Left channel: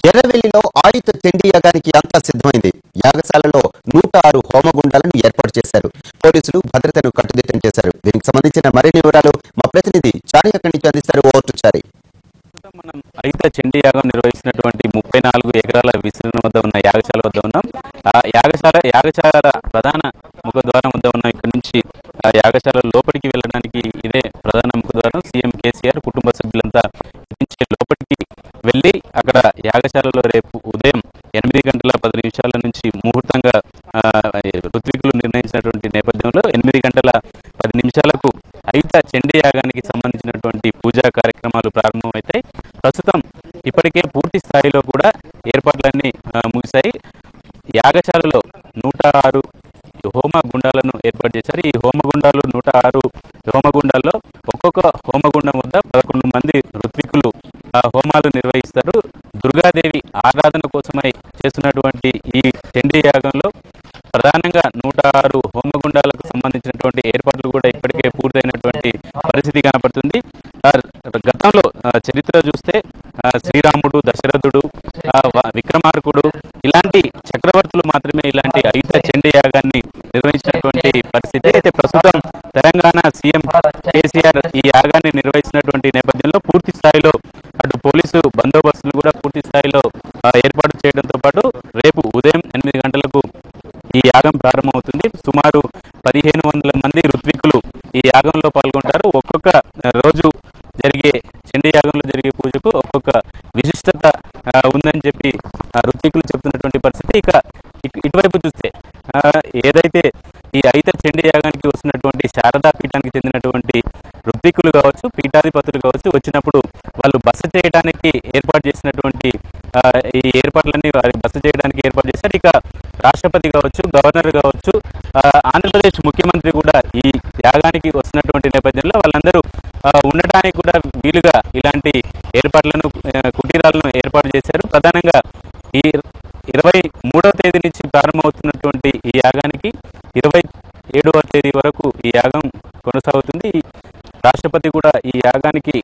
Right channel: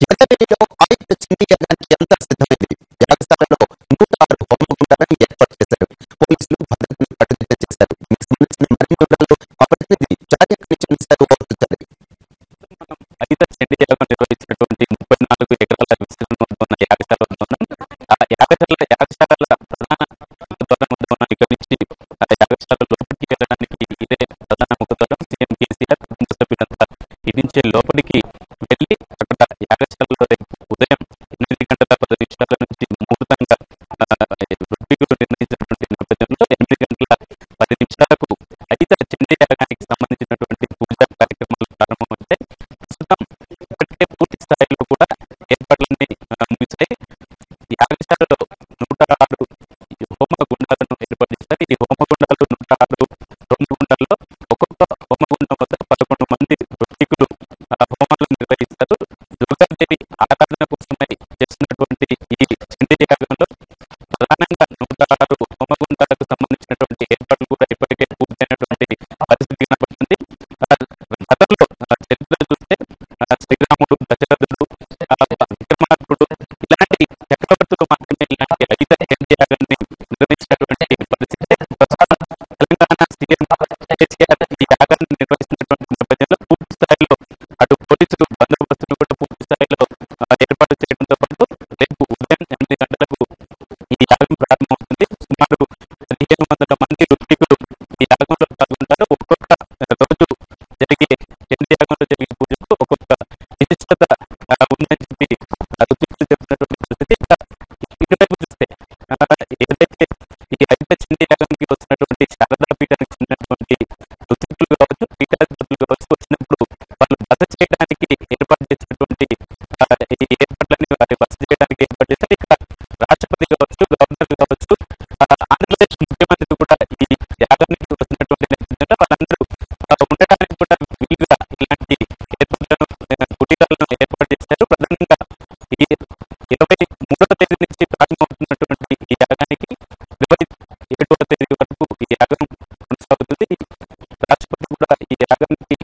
ఎర్రవెల్లిలో ఆయుధ చండీ యాగానికి అంతా సిద్ధమైంది. యాగశాలలో 106 హోమగుండాలను ఏర్పాటు చేశారు. పోలీసులు భద్రతను కట్టుదిట్టం చేశారు. దీనికి సంబంధించిన మరిన్ని వివరాలు మా ప్రతినిధి చారి అక్కడి నుంచి అందిస్తారు. ఓవర్ టు చారి. మనం ఆయుధ చండీ యాగం నిర్వహిస్తున్నటువంటి 34 ఎకరాల విస్తీర్ణం వద్ద ఉన్న యాగశాల వద్ద ఉన్నాం. ఆ యాగశాల ప్రధాన ముఖద్వారం వద్ద ఉన్నాం. ఇక్కడ నుంచి యాగశాల లోపలికి వెళ్ళడానికి ఇదే ప్రధాన ముఖద్వారం. సీఎం కేసీఆర్ కుటుంబ సభ్యులంతా ఇటు నుంచే లోపలికి వెళ్ళి అక్కడ యాగశాలలో రేపు ఉదయం 8:10 నుంచి ముహూర్తంగా ఋత్వికులు నిర్ణయించినటువంటి నేపథ్యంలో 8:10 ఆయుధ చండీ యాగానికి సంబంధించినటువంటి పూజా కార్యక్రమాలు ప్రారంభమవుతాయి. ప్రస్తుతం ఇప్పటికే పూర్తి స్థాయిలో కూడా ఏర్పాట్లన్నీ ముగిశాయి. యాగశాలలో 106 హోమగుండాలను ఏర్పాటు చేశారు. ఈ హోమగుండాలు 106 హోమగుండాల్లో ఒక్కొక్క హోమగుండం వద్ద 11 మంది ఋత్వికులు హోమాలు నిర్వహిస్తారు. దుర్గాదేవి ఆరాధన కోసమై చేస్తున్నటువంటి ఈ చండీ యాగంలో ప్రధానంగా 106 హోమగుండాలకు సంబంధించినటువంటి ఏర్పాట్లు కూడా ఇప్పటికే పూర్తయినటువంటి పరిస్థితి కనపడుతుంది. గతంలో చరిత్ర చూస్తే శ్రీరాముడు, దశరథుడు, విక్రమార్కుడు ఇలాంటి చక్రవర్తులు మాత్రమే ఇలాంటి ఆయుధ చండీ యాగాన్ని నిర్వహించినటువంటి పరిస్థితి. అయితే ప్రస్తుతం తెలంగాణ సీఎం కేసీఆర్ ఈ యాగాన్ని నిర్వహిస్తున్నటువంటి నేపథ్యంలో పూర్తి స్థాయిలో అటు పోలీసు బందోబస్తును కూడా పూర్తి స్థాయిలో ఏర్పాటు చేయడంతో పాటు రేపు ఉదయం 8 గంటలకు ఈ యాగం ప్రారంభమవుతుంది. సుమారు 1500 మంది ఋత్వికులు ఈ యాగంలో పాల్గొంటారు. ఒక్కొక్క రోజు జరిగే చండీ యాగంలో జరిగే పూజకు ఒక్కొక్క విశిష్టత ఉందని చెప్పి ఋత్వికులు చెప్తున్నటువంటి పరిస్థితి. ఇక ఇటువైపు చూస్తే ఏదైతే ఈ ఆయుధ చండీ యాగానికి వస్తున్నటువంటి శారదా పీఠానికి చెందినటువంటి ఋత్వికులు కావచ్చు, పీఠాధిపతులు కావచ్చు, వచ్చినప్పుడు వాళ్ళు బస చేయడానికి ఏర్పాటు చేసినటువంటి ఈ ఏర్పాట్లన్నీ వారి బస చేయడానికి ఏర్పాటు చేశారు. ఇక రాష్ట్రపతి కావచ్చు, గవర్నర్ కావచ్చు, ఆంధ్రప్రదేశ్ ముఖ్యమంత్రి కూడా ఈ యాగానికి వస్తున్నటువంటి నేపథ్యంలో వాళ్ళందరూ ఉండటానికి కూడా వీలుగా ఇలాంటి ఏర్పాట్లను, కుటీరాలను ఏర్పాటు చేశారు. ప్రధానంగా ఈ 23వ తేదీ నుంచి ప్రారంభమవుతున్నటువంటి ఈ యాగానికి 27వ తేదీ వరకు ఈ యాగం కొనసాగుతుంది. రాష్ట్రపతి కూడా ఈ యాగానికి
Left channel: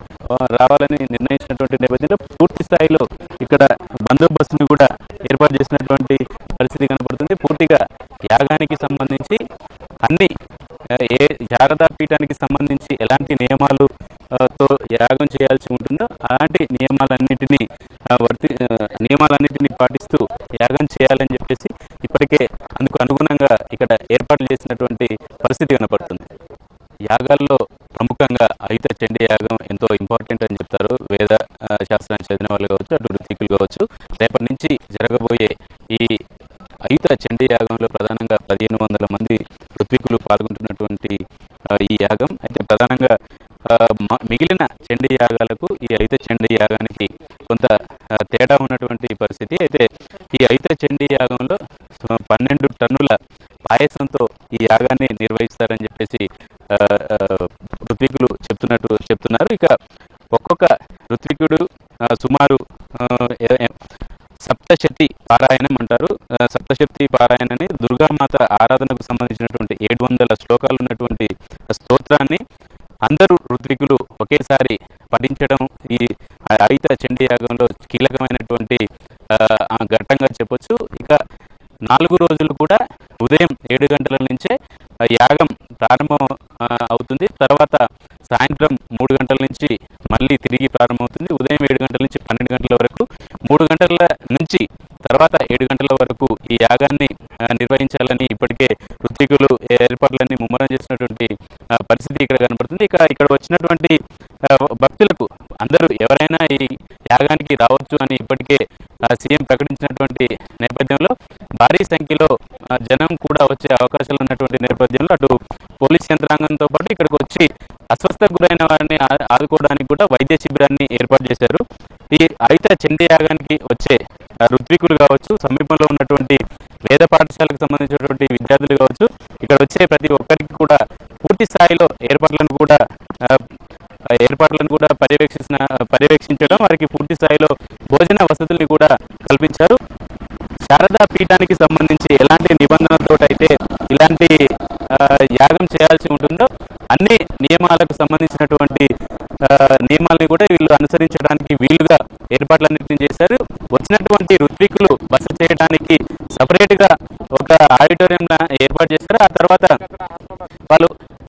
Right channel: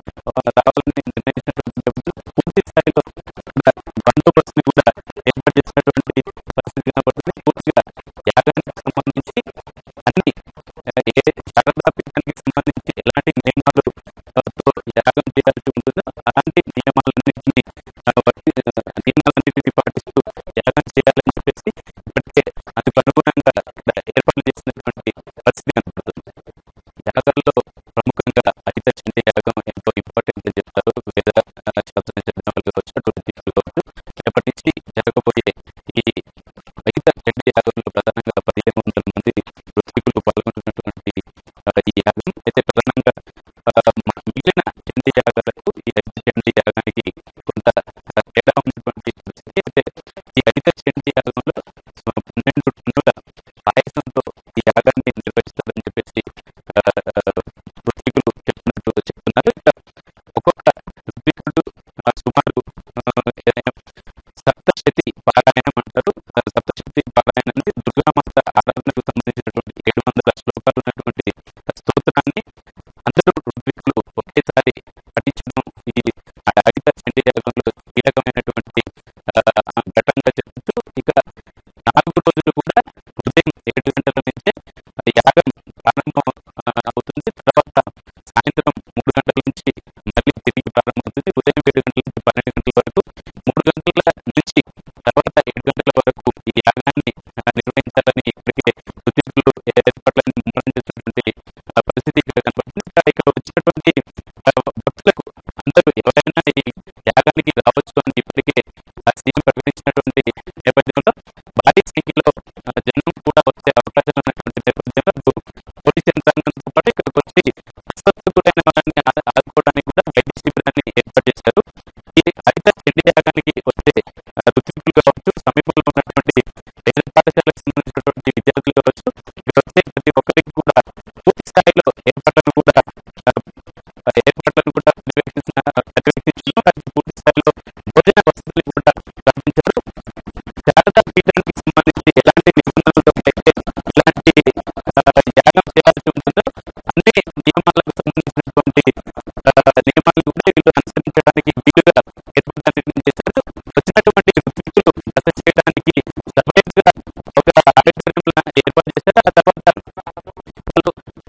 రావాలని నిర్ణయించినటువంటి నేపథ్యంలో పూర్తి స్థాయిలో ఇక్కడ బందోబస్తుని కూడా ఏర్పాటు చేసినటువంటి పరిస్థితి కనపడుతుంది. పూర్తిగా యాగానికి సంబంధించి అన్ని శారదా పీఠానికి సంబంధించి ఎలాంటి నియమాలతో యాగం చేయాల్సి ఉంటుందో అలాంటి నియమాలన్నిటినీ పాటిస్తూ యాగం చేయాలని చెప్పేసి ఇప్పటికే అందుకు అనుగుణంగా ఇక్కడ ఏర్పాట్లు చేసినటువంటి పరిస్థితి కనపడుతుంది. యాగాల్లో ప్రముఖంగా ఆయుధ చండీ యాగం ఎంతో ఇంపార్టెంట్ అని చెప్తారు. వేద శాస్త్రాన్ని చదివిన వాళ్ళు కావచ్చు, అటు ఋత్వికులు కావచ్చు. రేపటి నుంచి జరగబోయే ఈ ఆయుధ చండీ యాగంలో ప్రధానంగా 1500 మంది ఋత్వికులు పాల్గొంటున్నటువంటి ఈ యాగం అయితే ప్రధానంగా మిగిలిన చండీ యాగాలకు ఈ ఆయుధ చండీ యాగానికి కొంత తేడా ఉన్నటువంటి పరిస్థితి. అయితే ఈ ఆయుధ చండీ యాగంలో 12 టన్నుల పాయసంతో ఈ యాగాన్ని నిర్వహిస్తారని చెప్పేసి ఋత్వికులు చెప్తున్నారు. ఇక ఒక్కొక్క ఋత్వికుడు సుమారు సప్తశతి పారాయణం అంటారు. సప్తశతి పారాయణని దుర్గామాత ఆరాధనకు సంబంధించినటువంటి 700 శ్లోకాలు ఉన్నటువంటి స్తోత్రాన్ని అందరూ ఋత్వికులు ఒకేసారి పఠించడం ఈ ఆయుధ చండీ యాగంలో కీలకమైనటువంటి ఘట్టంగా చెప్పొచ్చు. ఇక 4 రోజులు కూడా ఉదయం 7 గంటల నుంచే యాగం ప్రారంభం అవుతుంది. తర్వాత సాయంత్రం 3 గంటల నుంచి మళ్ళీ తిరిగి ప్రారంభమవుతుంది. ఉదయం 7 గంటల నుంచి 12 గంటల వరకు, 3 గంటల నుంచి తర్వాత 7 గంటల వరకు ఈ యాగాన్ని నిర్వహించాలని ఇప్పటికే ఋత్వికులు ఏర్పాట్లన్నీ ముమ్మరం చేసినటువంటి పరిస్థితి ఇక్కడ కనపడుతుంది. ఇక్కడ వచ్చినటువంటి భక్తులకు అందరూ ఎవరైనా ఈ యాగానికి రావచ్చు అని ఇప్పటికే సీఎం ప్రకటించినటువంటి నేపథ్యంలో భారీ సంఖ్యలో జనం కూడా వచ్చే అవకాశాలు ఉన్నటువంటి నేపథ్యంలో అటు పోలీస్ యంత్రాంగంతో పాటు ఇక్కడికి వచ్చి అస్వస్థకు గురైన వారిని ఆదుకోవడానికి కూడా వైద్య శిబిరాన్ని ఏర్పాటు చేశారు. ఈ ఆయుధ చండీ యాగానికి వచ్చే ఋత్వికులు కావచ్చు, సమీపంలో ఉన్నటువంటి వేద పాఠశాలకు సంబంధించినటువంటి విద్యార్థులు కావచ్చు, ఇక్కడ వచ్చే ప్రతి ఒక్కరికి కూడా పూర్తి స్థాయిలో ఏర్పాట్లను కూడా పర్యవేక్షించడం, వారికి పూర్తి స్థాయిలో భోజన వసతుల్ని కూడా కల్పించారు. శారదా పీఠానికి సంబంధించి ఎలాంటి నిబంధనలతో అయితే ఇలాంటి యాగం చేయాల్సి ఉంటుందో అన్ని నియమాలకు సంబంధించినటువంటి నియమాలని కూడా వీళ్ళు అనుసరించడానికి వీలుగా ఏర్పాట్లన్నింటినీ చేశారు. వచ్చినటువంటి ఋత్వికులు బస చేయడానికి సపరేట్గా ఒక ఆడిటోరియంలా ఏర్పాటు చేశారు. ఆ తర్వాత వాళ్ళు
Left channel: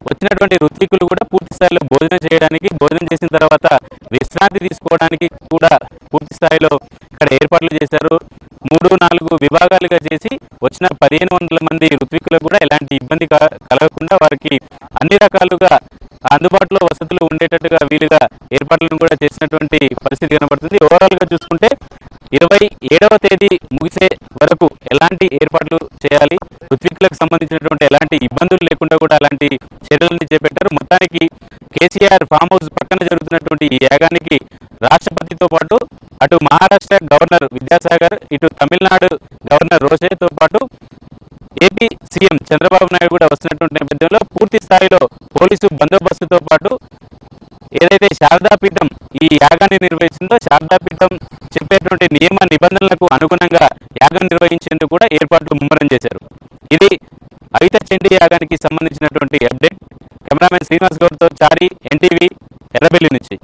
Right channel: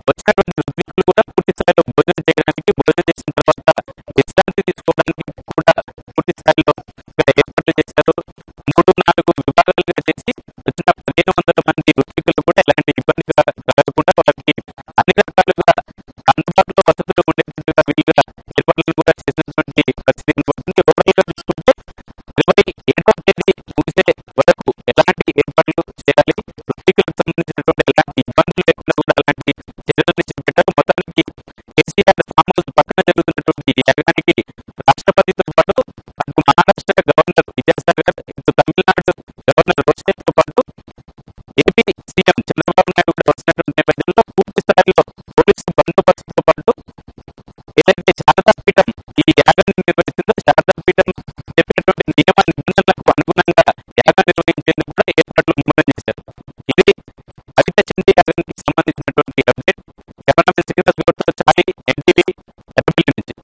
వచ్చినటువంటి ఋత్వికులు కూడా పూర్తి స్థాయిలో భోజనం చేసిన తర్వాత విశ్రాంతి తీసుకోవడానికి కూడా పూర్తి స్థాయిలో ఇక్కడ ఏర్పాట్లు చేశారు. 3-4 విభాగాలుగా చేసి వచ్చిన 1500 మంది ఋత్వికులకు కూడా ఎలాంటి ఇబ్బంది కలగకుండా వారికి అన్ని రకాలుగా అందుబాటులో వసతులు ఉండేటట్టుగా వీలుగా ఏర్పాట్లను కూడా చేసినటువంటి పరిస్థితి కనబడుతుంది. ఓవరాల్గా చూసుకుంటే 27వ తేదీ ముగిసే వరకు ఎలాంటి ఏర్పాట్లు చేయాలి, ఋత్వికులకు సంబంధించినటువంటి ఎలాంటి ఇబ్బందులు లేకుండా కూడా అలాంటి చర్యలన్నీ చేపట్టారు. మొత్తానికి కేసీఆర్ ఫామ్ హౌస్ పక్కన జరుగుతున్నటువంటి ఈ యాగానికి రాష్ట్రపతితో పాటు అటు మహారాష్ట్ర గవర్నర్ విద్యాసాగర్, ఇటు తమిళనాడు గవర్నర్ రోషేతో పాటు ఏపీ సీఎం చంద్రబాబు నాయుడు కూడా వస్తున్నటువంటి నేపథ్యంలో పూర్తి స్థాయిలో పోలీసు బందోబస్తుతో పాటు ఏదైతే శారదాపీఠం ఈ యాగాన్ని నిర్వహిస్తుందో శారదాపీఠం చెప్పేటువంటి నియమ నిబంధనలకు అనుగుణంగా యాగం నిర్వహించేందుకు కూడా ఏర్పాట్లు ముమ్మరం చేశారు. ఇది అయుత చండీ యాగానికి సంబంధించినటువంటి అప్డేట్. కెమెరామెన్ శ్రీనివాస్ గౌడ్తో చారి, ఎన్టీవీ, ఎర్రబెల్లి నుంచి.